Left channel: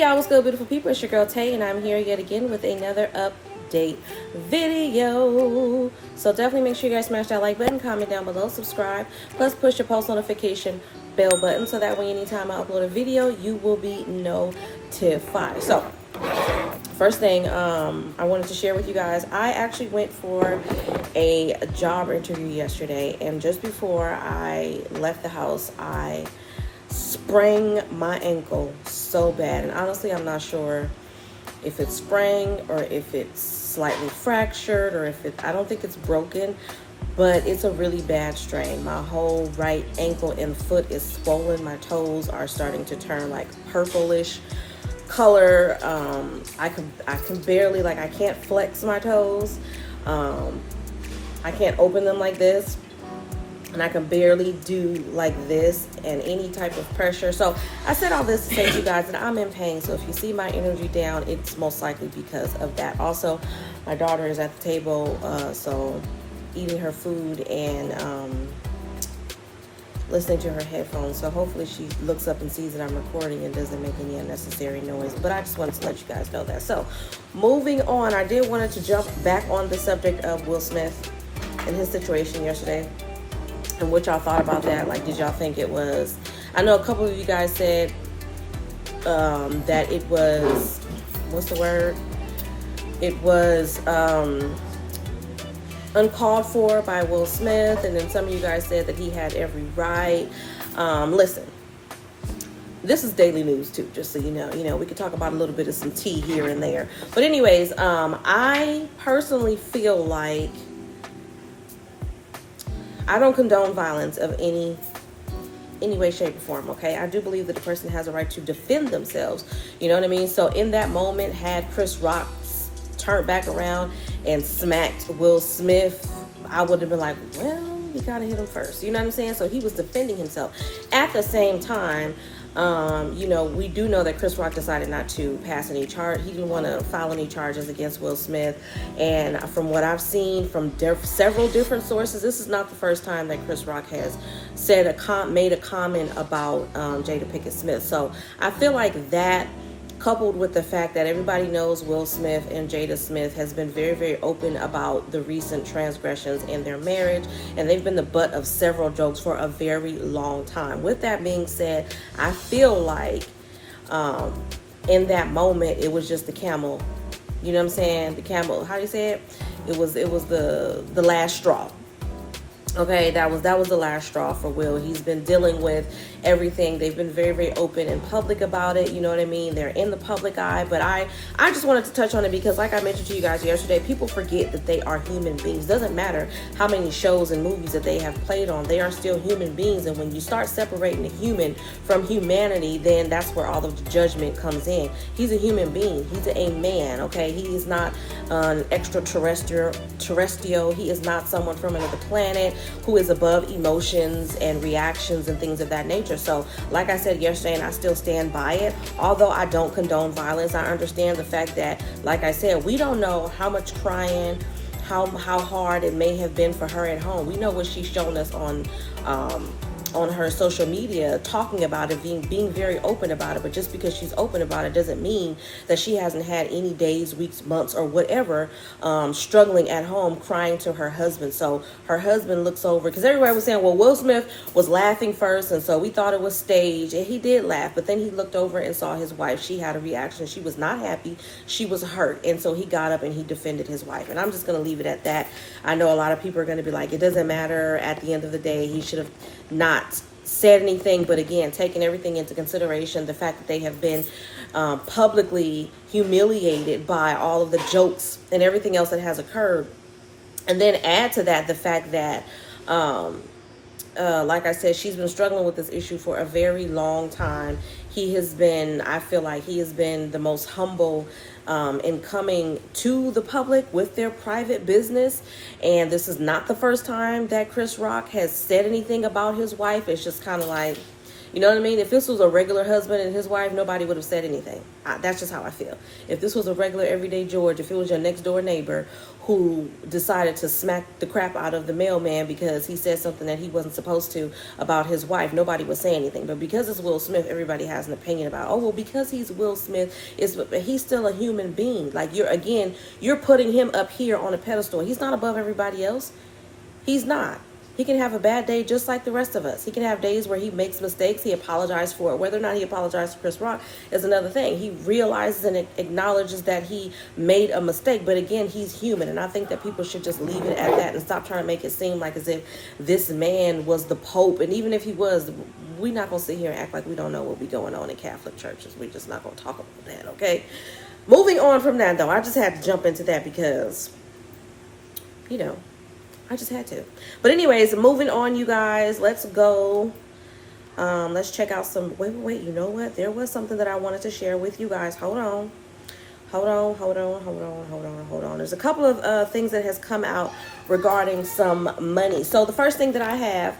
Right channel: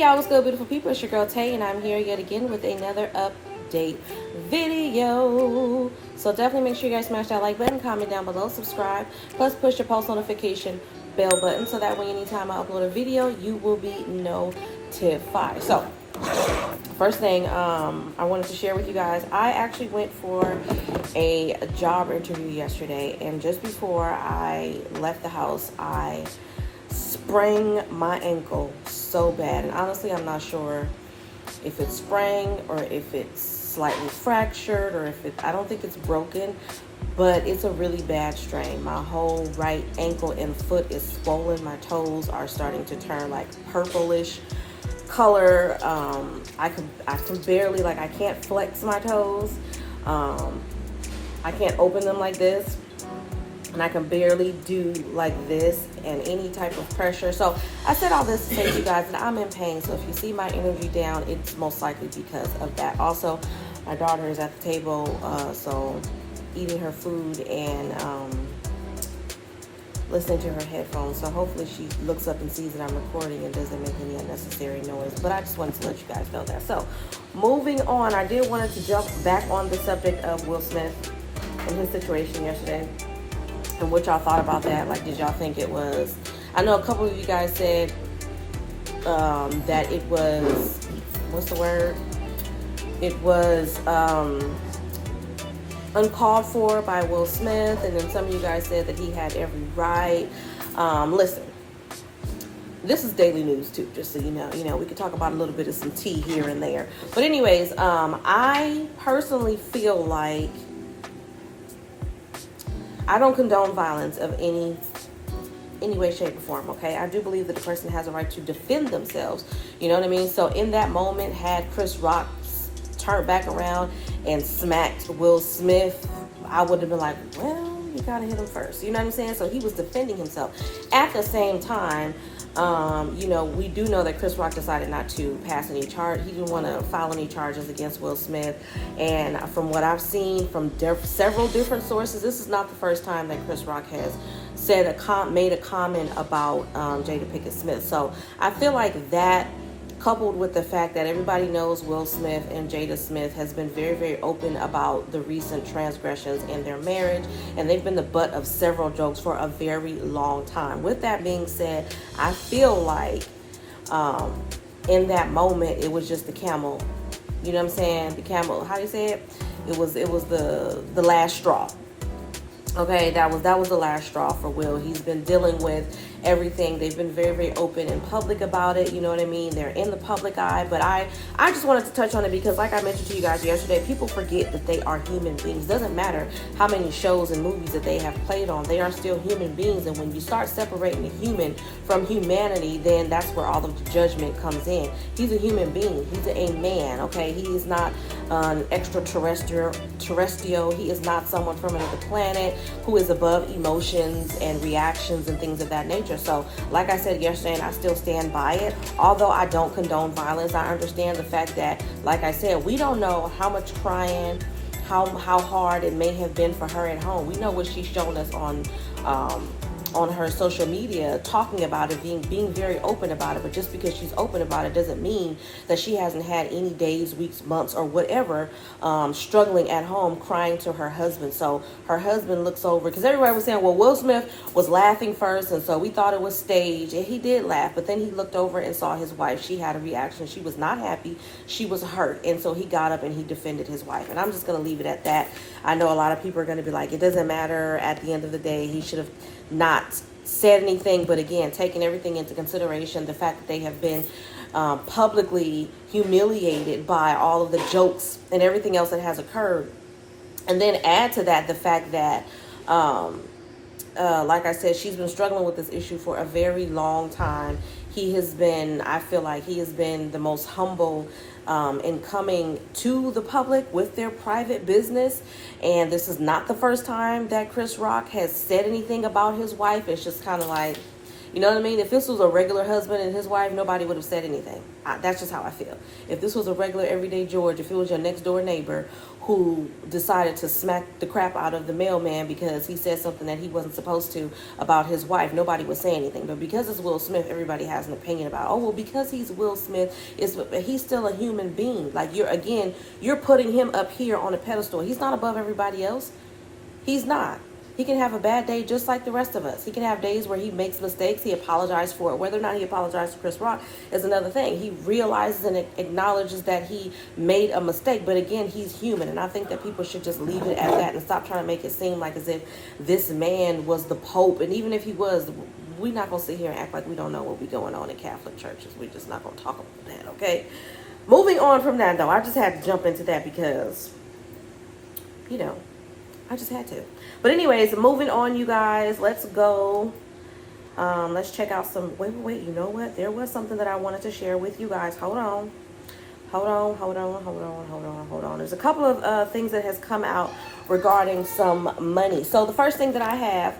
Hey y'all, what's good, beautiful people? It's your girl Tay, and I'm here yet again with another update video. So definitely make sure you guys smash that like button, comment down below, subscribe, plus push your post notification bell button so that way anytime I upload a video, you will be notified. So first thing I wanted to share with you guys, I actually went for a job interview yesterday, and just before I left the house, I sprained my ankle so bad. And honestly, I'm not sure if it's sprained or if it's slightly fractured or if I don't think it's broken, but it's a really bad strain. My whole right ankle and foot is swollen. My toes are starting to turn like purplish color. I can barely, I can't flex my toes. I can't open them like this, and I can barely do like this and any type of pressure. So I said all this to say to you guys that I'm in pain. So if you see my energy down, it's most likely because of that. Also, my daughter is at the table, so eating her food and listening to her headphones. So hopefully she looks up and sees that I'm recording and doesn't make any unnecessary noise. But I just wanted to let you guys know that. So moving on, I did want to jump back on the subject of Will Smith and his situation yesterday. And what y'all thought about that. Like, did y'all think it was, I know a couple of you guys said that it was, what's the word? It was uncalled for by Will Smith, and then some of you guys said that he had every right. Listen, this is daily news too, just so you know, we could talk about a little bit of some tea here and there. But anyways, I personally feel like I don't condone violence of any way, shape, or form, okay? I do believe that the person has a right to defend themselves, you know what I mean? So in that moment, had Chris Rock turned back around and smacked Will Smith, I would have been like, well, you gotta hit him first, you know what I'm saying? So he was defending himself. At the same time, we do know that Chris Rock decided not to pass any charge. He didn't want to file any charges against Will Smith. And from what I've seen from several different sources, this is not the first time that Chris Rock has made a comment about Jada Pinkett Smith. So I feel like that, coupled with the fact that everybody knows Will Smith and Jada Smith has been very, very open about the recent transgressions in their marriage, and they've been the butt of several jokes for a very long time. With that being said, I feel like in that moment, it was just the camel. You know what I'm saying? The camel, how do you say it? It was the last straw. Okay, that was the last straw for Will. He's been dealing with everything. They've been very, very open and public about it. You know what I mean? They're in the public eye. But I just wanted to touch on it because, like I mentioned to you guys yesterday, people forget that they are human beings. Doesn't matter how many shows and movies that they have played on. They are still human beings. And when you start separating the human from humanity, then that's where all of the judgment comes in. He's a human being. He's a man, okay? He is not an extraterrestrial. He is not someone from another planet who is above emotions and reactions and things of that nature. So like I said yesterday, and I still stand by it, although I don't condone violence, I understand the fact that, like I said, we don't know how much crying, how hard it may have been for her at home. We know what she's shown us on her social media, talking about it, being very open about it. But just because she's open about it doesn't mean that she hasn't had any days, weeks, months, or whatever, struggling at home, crying to her husband. So her husband looks over, because everybody was saying, well, Will Smith was laughing first, and so we thought it was staged, and he did laugh. But then he looked over and saw his wife. She had a reaction. She was not happy. She was hurt. And so he got up and he defended his wife. And I'm just going to leave it at that. I know a lot of people are going to be like, it doesn't matter. At the end of the day, he should have not said anything. But again, taking everything into consideration, the fact that they have been publicly humiliated by all of the jokes and everything else that has occurred, and then add to that the fact that like I said, she's been struggling with this issue for a very long time. I feel like he has been the most humble in coming to the public with their private business. And this is not the first time that Chris Rock has said anything about his wife. It's just kind of like, You know what I mean? If this was a regular husband and his wife, nobody would have said anything. That's just how I feel. If this was a regular everyday George, if it was your next door neighbor who decided to smack the crap out of the mailman because he said something that he wasn't supposed to about his wife, nobody would say anything. But because it's Will Smith, everybody has an opinion about, oh, well, because he's Will Smith, he's still a human being. Like, you're putting him up here on a pedestal. He's not above everybody else. He's not. He can have a bad day just like the rest of us. He can have days where he makes mistakes. He apologizes for it. Whether or not he apologized to Chris Rock is another thing. He realizes and acknowledges that he made a mistake. But again, he's human. And I think that people should just leave it at that and stop trying to make it seem like as if this man was the Pope. And even if he was, we're not going to sit here and act like we don't know what be going on in Catholic churches. We're just not going to talk about that, okay? Moving on from that, though, I just had to jump into that because, you know, I just had to. But anyways, moving on, you guys. Let's go. Let's check out some... Wait. You know what? There was something that I wanted to share with you guys. Hold on. There's a couple of things that has come out regarding some money. So the first thing that I have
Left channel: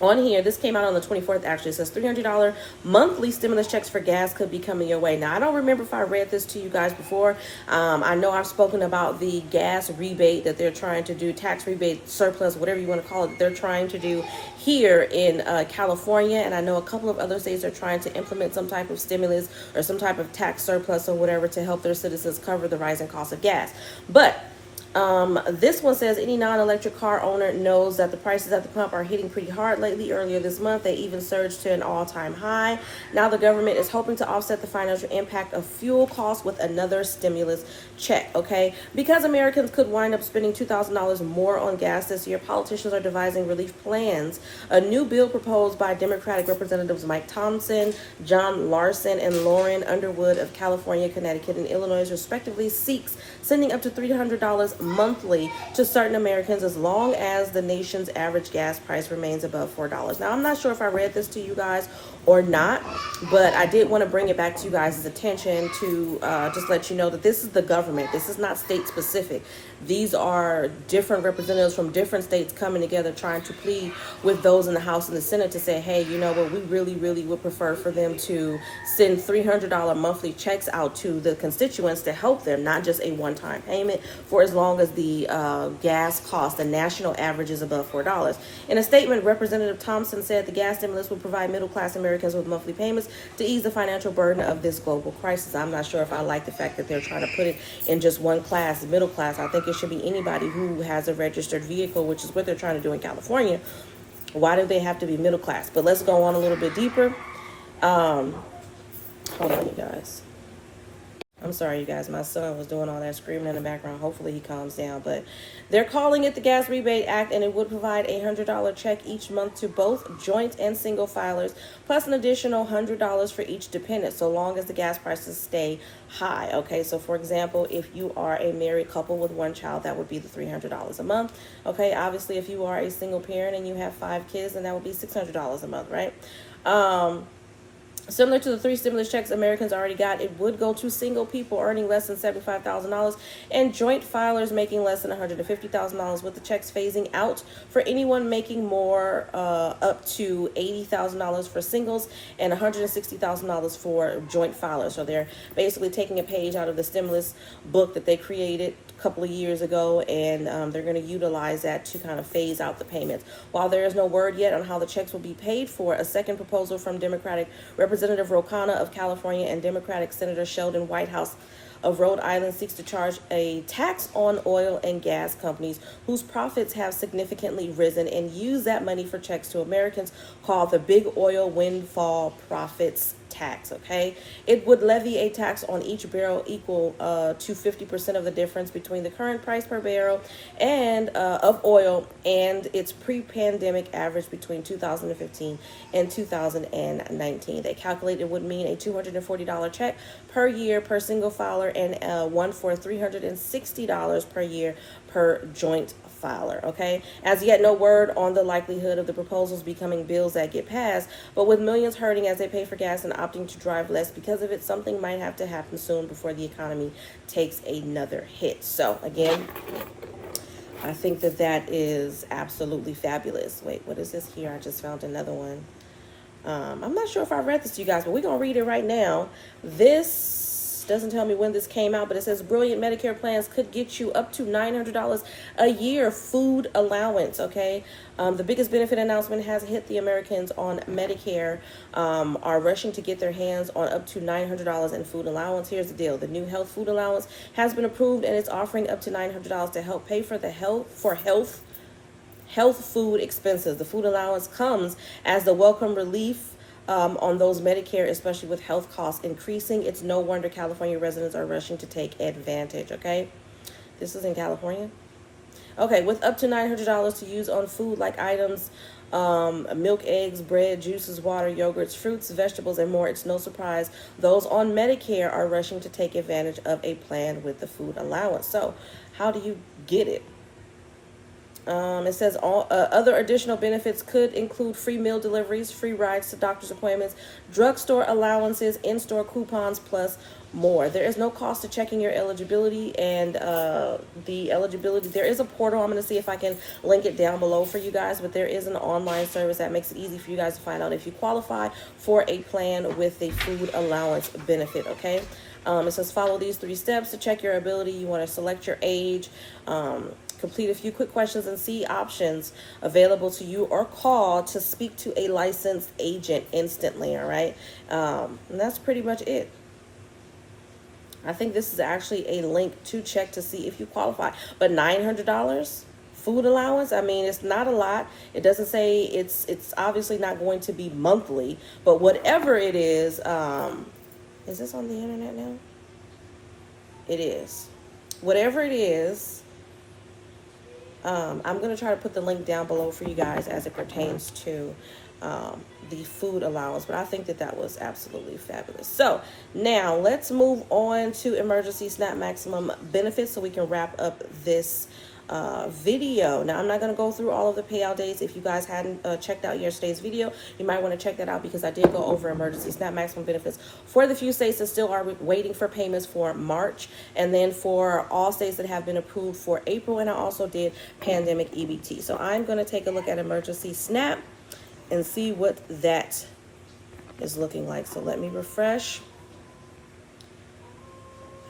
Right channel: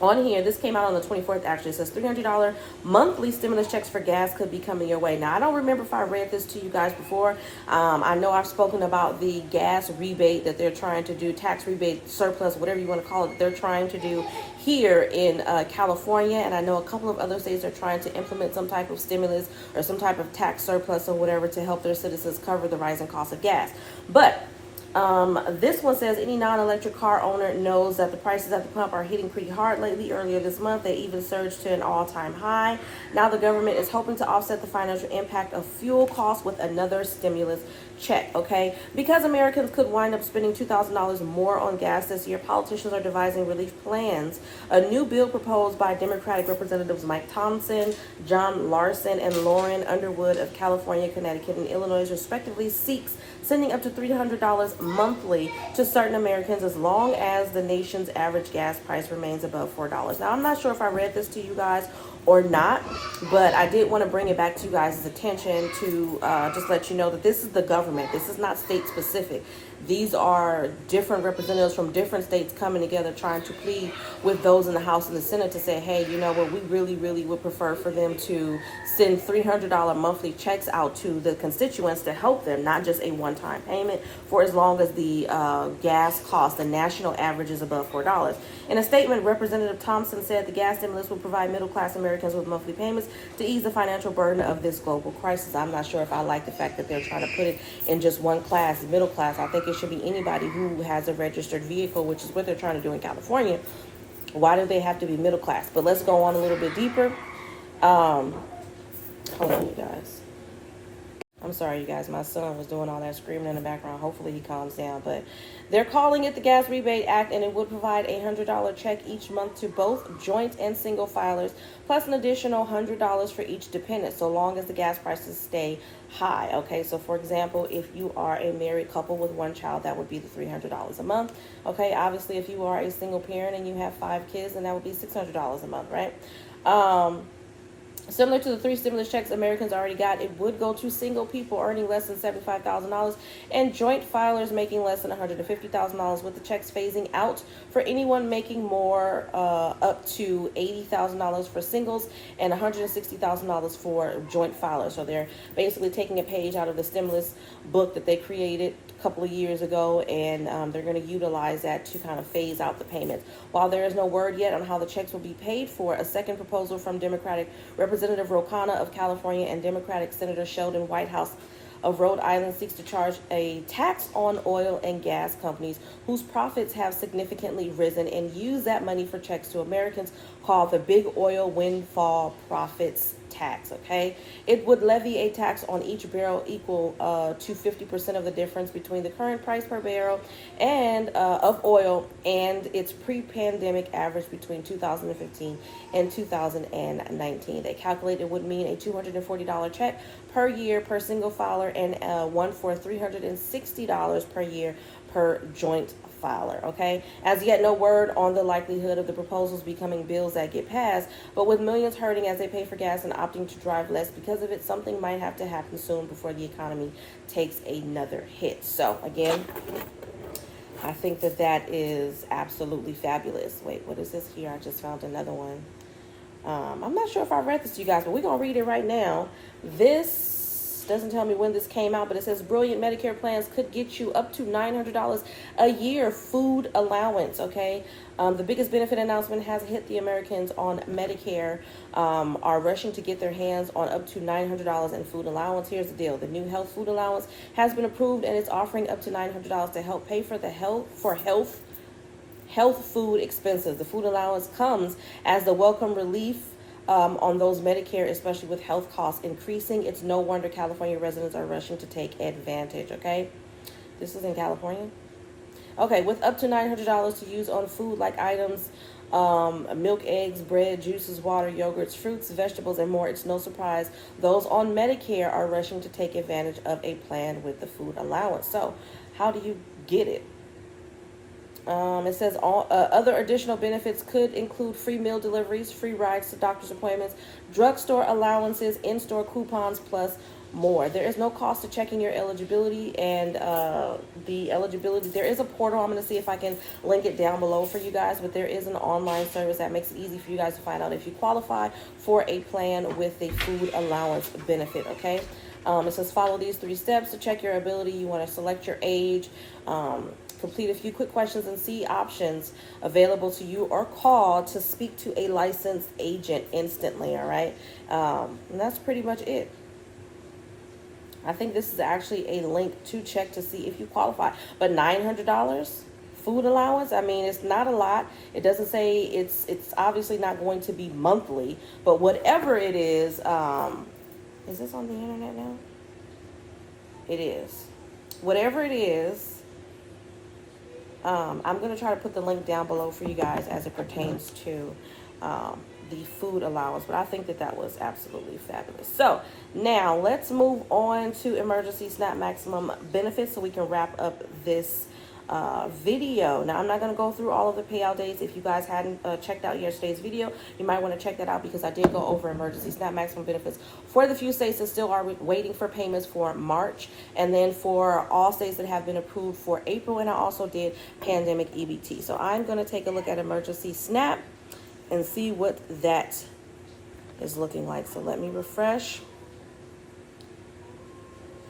on here, this came out on the 24th, actually. It says $300 monthly stimulus checks for gas could be coming your way. Now, I don't remember if I read this to you guys before. I know I've spoken about the gas rebate that they're trying to do, tax rebate, surplus, whatever you want to call it, they're trying to do here in California. And I know a couple of other states are trying to implement some type of stimulus or some type of tax surplus or whatever to help their citizens cover the rising cost of gas. But this one says any non-electric car owner knows that the prices at the pump are hitting pretty hard lately. Earlier this month, they even surged to an all-time high. Now the government is hoping to offset the financial impact of fuel costs with another stimulus check, okay? Because Americans could wind up spending $2,000 more on gas this year, politicians are devising relief plans. A new bill proposed by Democratic Representatives Mike Thompson, John Larson, and Lauren Underwood of California, Connecticut, and Illinois, respectively, seeks sending up to $300 monthly to certain Americans as long as the nation's average gas price remains above $4. Now, I'm not sure if I read this to you guys or not, but I did want to bring it back to you guys' attention to just let you know that this is the government. This is not state specific. These are different representatives from different states coming together trying to plead with those in the House and the Senate to say, hey, you know what, we really would prefer for them to send $300 monthly checks out to the constituents to help them, not just a one-time payment for as long as the gas cost, the national average is above $4. In a statement, Representative Thompson said the gas stimulus will provide middle-class Americans with monthly payments to ease the financial burden of this global crisis. I'm not sure if I like the fact that they're trying to put it in just one class, middle class. I think it should be anybody who has a registered vehicle, which is what they're trying to do in California. Why do they have to be middle class? But let's go on a little bit deeper. Hold on, you guys. I'm sorry, you guys. My son was doing all that screaming in the background. Hopefully he calms down. But they're calling it the Gas Rebate Act, and it would provide a $100 check each month to both joint and single filers, plus an additional $100 for each dependent, so long as the gas prices stay high. Okay, so for example, if you are a married couple with one child, that would be the $300 a month. Okay, obviously, if you are a single parent and you have 5 kids, then that would be $600 a month, right? Similar to the 3 stimulus checks Americans already got, it would go to single people earning less than $75,000 and joint filers making less than $150,000, with the checks phasing out for anyone making more, up to $80,000 for singles and $160,000 for joint filers. So they're basically taking a page out of the stimulus book that they created a couple of years ago, and they're going to utilize that to kind of phase out the payments. While there is no word yet on how the checks will be paid for, a second proposal from Democratic Representative Ro Khanna of California and Democratic Senator Sheldon Whitehouse of Rhode Island seeks to charge a tax on oil and gas companies whose profits have significantly risen and use that money for checks to Americans, called the Big Oil Windfall Profits Tax. Okay, it would levy a tax on each barrel equal to 50% of the difference between the current price per barrel and of oil and its pre-pandemic average between 2015 and 2019. They calculate it would mean a $240 check per year per single filer and one for $360 per year per joint filer. Okay, as yet no word on the likelihood of the proposals becoming bills that get passed, but with millions hurting as they pay for gas and opting to drive less because of it, something might have to happen soon before the economy takes another hit. So again, I think that that is absolutely fabulous. Wait, what is this here? I just found another one. I'm not sure if I read this to you guys, but we're going to read it right now. This doesn't tell me when this came out, but it says brilliant Medicare plans could get you up to $900 a year food allowance, okay? The biggest benefit announcement has hit. The Americans on Medicare are rushing to get their hands on up to $900 in food allowance. Here's the deal. The new health food allowance has been approved, and it's offering up to $900 to help pay for the health food expenses. The food allowance comes as the welcome relief on those Medicare, especially with health costs increasing. It's no wonder California residents are rushing to take advantage, okay? This is in California. Okay, with up to $900 to use on food like items, milk, eggs, bread, juices, water, yogurts, fruits, vegetables, and more, it's no surprise those on Medicare are rushing to take advantage of a plan with the food allowance. So, how do you get it? It says all other additional benefits could include free meal deliveries, free rides to doctor's appointments, drugstore allowances, in-store coupons, plus more. There is no cost to checking your eligibility, and the eligibility, there is a portal. I'm going to see if I can link it down below for you guys, but there is an online service that makes it easy for you guys to find out if you qualify for a plan with a food allowance benefit, okay? It says follow these 3 steps to check your ability. You want to select your age, complete a few quick questions, and see options available to you, or call to speak to a licensed agent instantly, all right? And that's pretty much it. I think this is actually a link to check to see if you qualify. But $900 food allowance, I mean, it's not a lot. It doesn't say it's obviously not going to be monthly, but whatever it is this on the internet now? It is. Whatever it is, I'm going to try to put the link down below for you guys as it pertains to the food allowance, but I think that was absolutely fabulous. So now let's move on to emergency SNAP maximum benefits so we can wrap up this video. Now, I'm not going to go through all of the payout dates. If you guys hadn't checked out yesterday's video, you might want to check that out, because I did go over emergency SNAP maximum benefits for the few states that still are waiting for payments for March, and then for all states that have been approved for April, and I also did pandemic EBT. So I'm going to take a look at emergency SNAP and see what that is looking like. So let me refresh.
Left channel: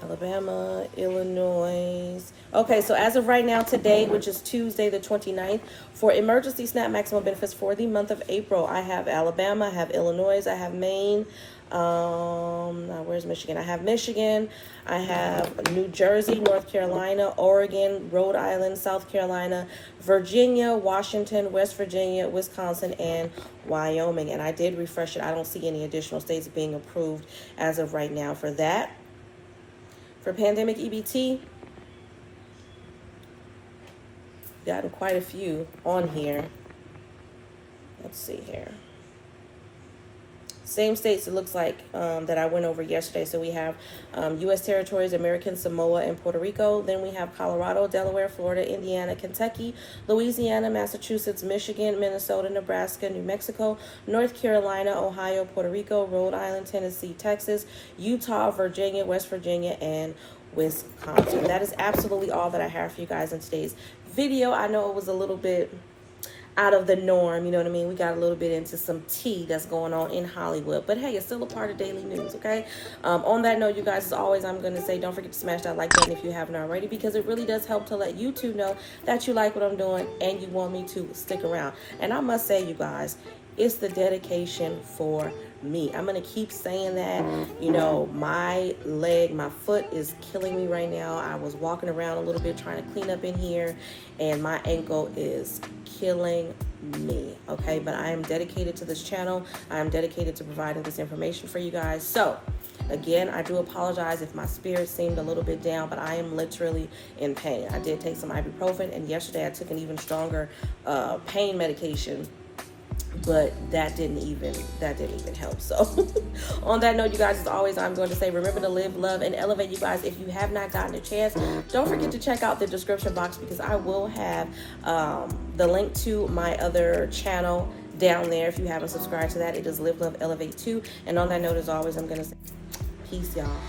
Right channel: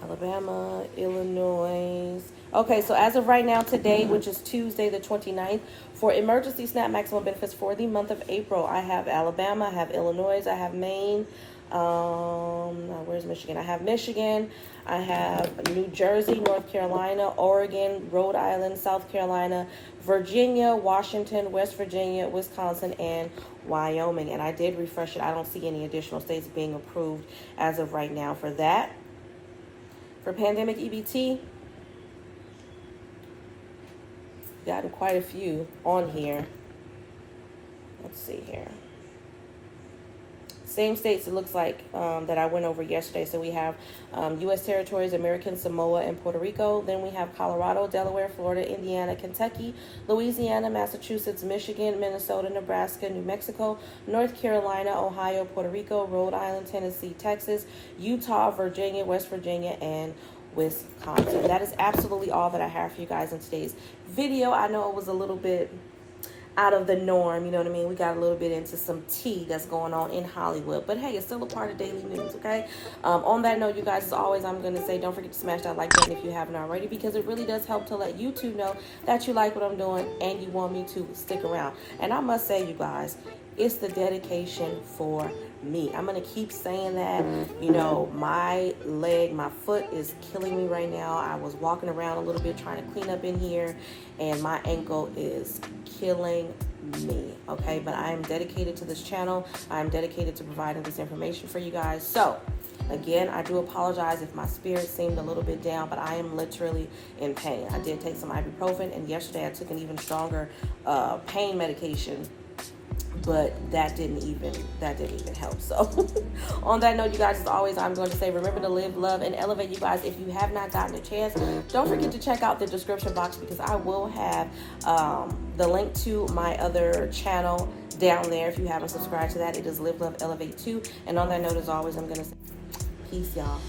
Alabama, Illinois. Okay, so as of right now, today, which is Tuesday the 29th, for emergency SNAP maximum benefits for the month of April, I have Alabama, I have Illinois, I have Maine. Where's Michigan? I have Michigan, I have New Jersey, North Carolina, Oregon, Rhode Island, South Carolina, Virginia, Washington, West Virginia, Wisconsin, and Wyoming. And I did refresh it. I don't see any additional states being approved as of right now for that. For pandemic EBT, gotten quite a few on here. Let's see here. Same states, it looks like, that I went over yesterday. So we have U.S. territories, American Samoa, and Puerto Rico. Then we have Colorado, Delaware, Florida, Indiana, Kentucky, Louisiana, Massachusetts, Michigan, Minnesota, Nebraska, New Mexico, North Carolina, Ohio, Puerto Rico, Rhode Island, Tennessee, Texas, Utah, Virginia, West Virginia, and Wisconsin. That is absolutely all that I have for you guys in today's video. I know it was a little bit out of the norm, you know what I mean? We got a little bit into some tea that's going on in Hollywood, but hey, it's still a part of daily news, okay? On that note, you guys, as always, I'm going to say, don't forget to smash that like button if you haven't already, because it really does help to let YouTube know that you like what I'm doing and you want me to stick around. And I must say, you guys, it's the dedication for me. I'm going to keep saying that. You know, my foot is killing me right now. I was walking around a little bit trying to clean up in here, and my ankle is killing me, okay? But I am dedicated to this channel. I am dedicated to providing this information for you guys. So, again, I do apologize if my spirit seemed a little bit down, but I am literally in pain. I did take some ibuprofen, and yesterday I took an even stronger pain medication, but that didn't even help. So on that note, you guys, as always, I'm going to say, remember to live, love, and elevate. You guys, if you have not gotten a chance, don't forget to check out the description box, because I will have the link to my other channel down there. If you haven't subscribed to that, it is Live, Love, Elevate 2. And on that note, as always, I'm going to say peace, y'all.